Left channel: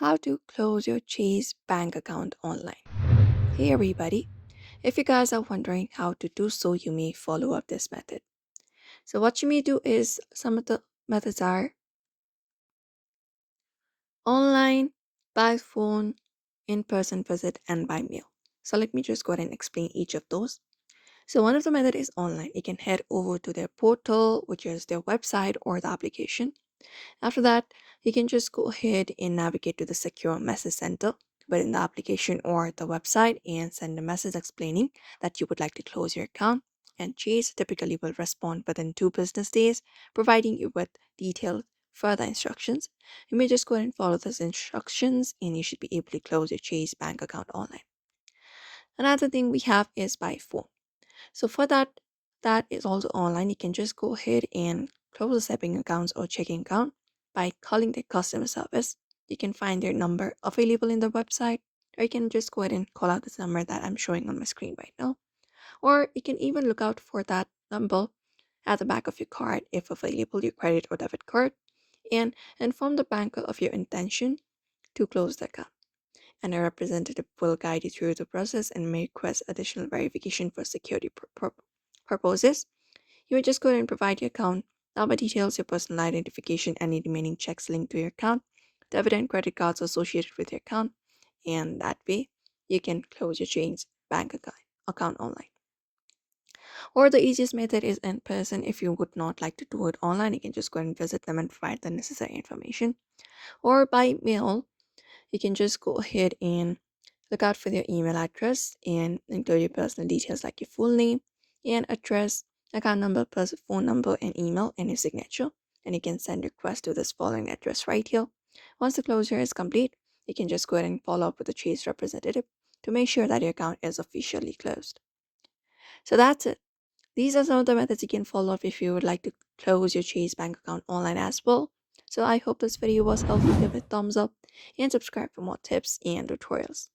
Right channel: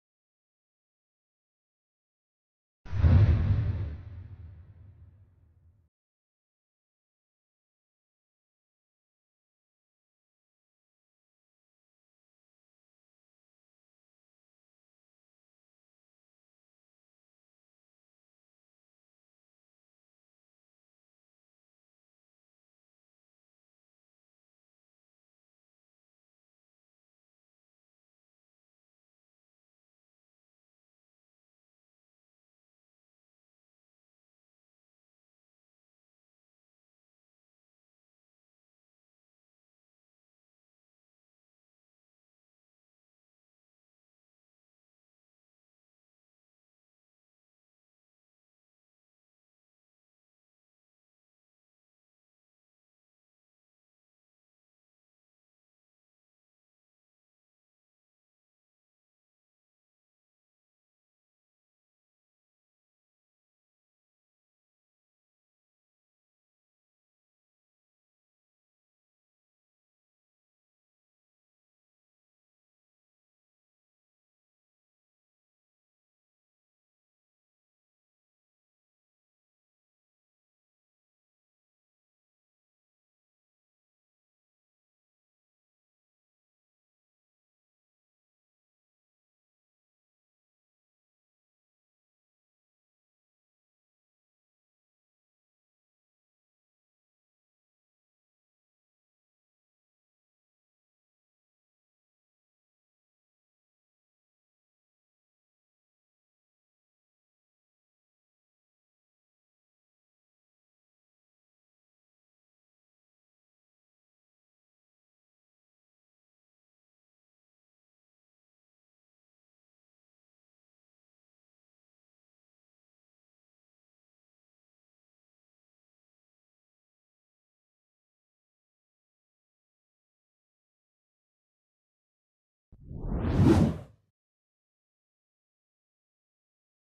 How to close your Chase bank account online. Hey everybody, if you guys are wondering how to do so, you may follow up this method. So, what you may do is some of the methods are online, by phone, in person visit, and by mail. So, let me just go ahead and explain each of those. So, one of the method is online. You can head over to their portal, which is their website or the application. After that, you can just go ahead and navigate to the secure message center within the application or the website and send a message explaining that you would like to close your account. And Chase typically will respond within 2 business days, providing you with detailed further instructions. You may just go ahead and follow those instructions, and you should be able to close your Chase bank account online. Another thing we have is by phone. So for that is also online. You can just go ahead and close the saving accounts or checking account by calling their customer service. You can find their number available in the website, or you can just go ahead and call out this number that I'm showing on my screen right now. Or you can even look out for that number at the back of your card if available, your credit or debit card, and inform the banker of your intention to close the account, and a representative will guide you through the process and may request additional verification for security purposes. You will just go ahead and provide your account number details, your personal identification, any remaining checks linked to your account, debit and credit cards associated with your account, and that way you can close your Chase bank account online. Or the easiest method is in person. If you would not like to do it online, you can just go and visit them and provide the necessary information. Or by mail, you can just go ahead and look out for their email address and include your personal details like your full name and address, account number, plus phone number and email and your signature. And you can send request to this following address right here. Once the closure is complete, you can just go ahead and follow up with the Chase representative to make sure that your account is officially closed. So that's it. These are some of the methods you can follow up if you would like to close your Chase bank account online as well. So I hope this video was helpful. Give it a thumbs up and subscribe for more tips and tutorials.